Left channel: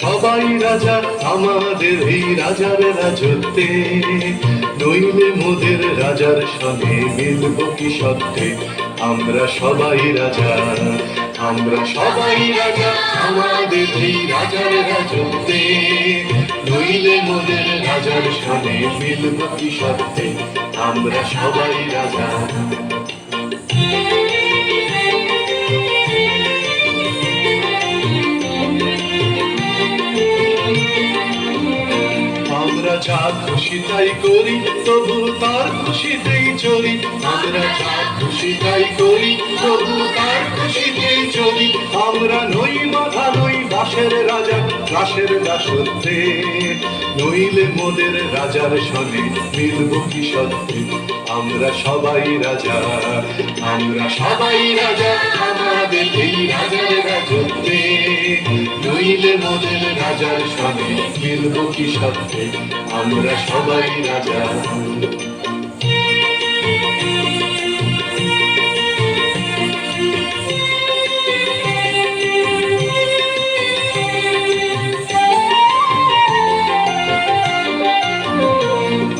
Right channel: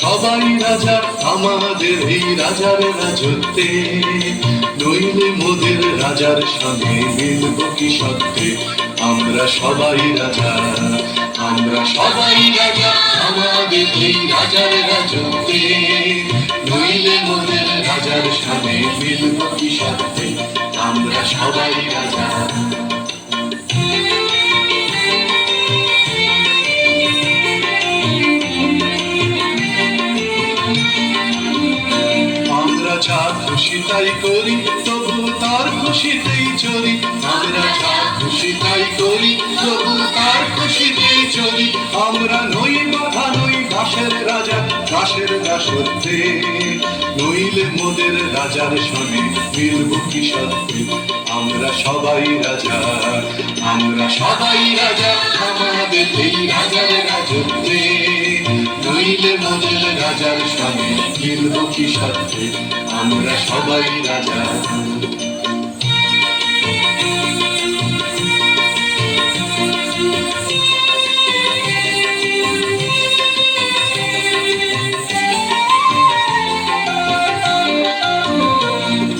সবাই রাজা আমাদের এই রাজার রাজত্বে, নইলে মোদের রাজার সঙ্গে মিলব কি সত্যে। আমরা সবাই রাজা, আমরা সবাই রাজা আমাদের এই রাজার রাজত্বে, নইলে মোদের রাজার সঙ্গে মিলব কি সত্যে। আমরা সবাই রাজা। আমরা যা খুশি তাই করি, তবু তার খুশিতেই চলি। আমরা যা খুশি তাই করি, তবু তার খুশিতেই চলি। আমরা নই বাধা, নই দাসের রাজা, দাসের দাসত্বে, নইলে মোদের রাজার সঙ্গে মিলব কি সত্যে। আমরা সবাই রাজা, আমরা সবাই রাজা আমাদের এই রাজার রাজত্বে, নইলে মোদের রাজার সঙ্গে মিলব কি সত্যে। আমরা সবাই রাজা।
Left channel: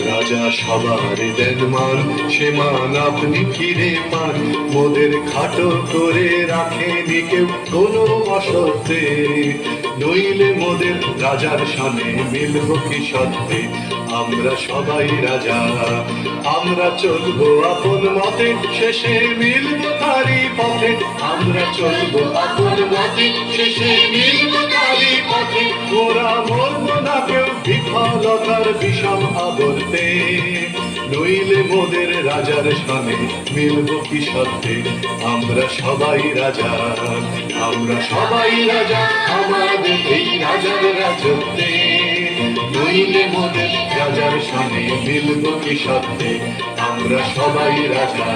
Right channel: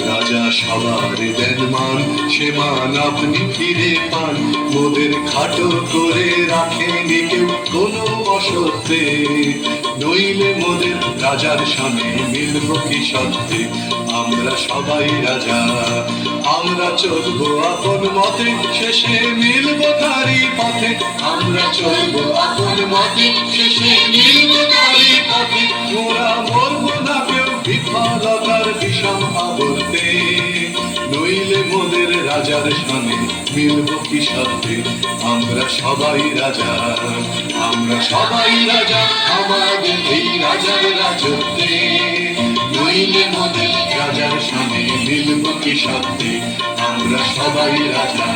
রাজা সবার দেন মান, সে মান আপনি ফিরে পান। মোদের খাটো করে রাখেনি কেউ কোনো অসত্যে, নইলে মোদের রাজার সামনে মিলব কি সত্যে। আমরা সবাই রাজা, আমরা চলবো আপন মতে, শেষে মিলব তারি পথে। আমরা চলবো আপন মতে, শেষে মিলব তারি পথে। ওরা বলব না কেউ বিফলতার বিষম আবর্তে, নইলে মোদের রাজার সঙ্গে মিলব কি সত্যে। আমরা সবাই রাজা, আমরা সবাই রাজা আমাদের এই রাজার রাজত্বে, নইলে মোদের রাজার সঙ্গে মিলব কি সত্যে। আমরা সবাই রাজা।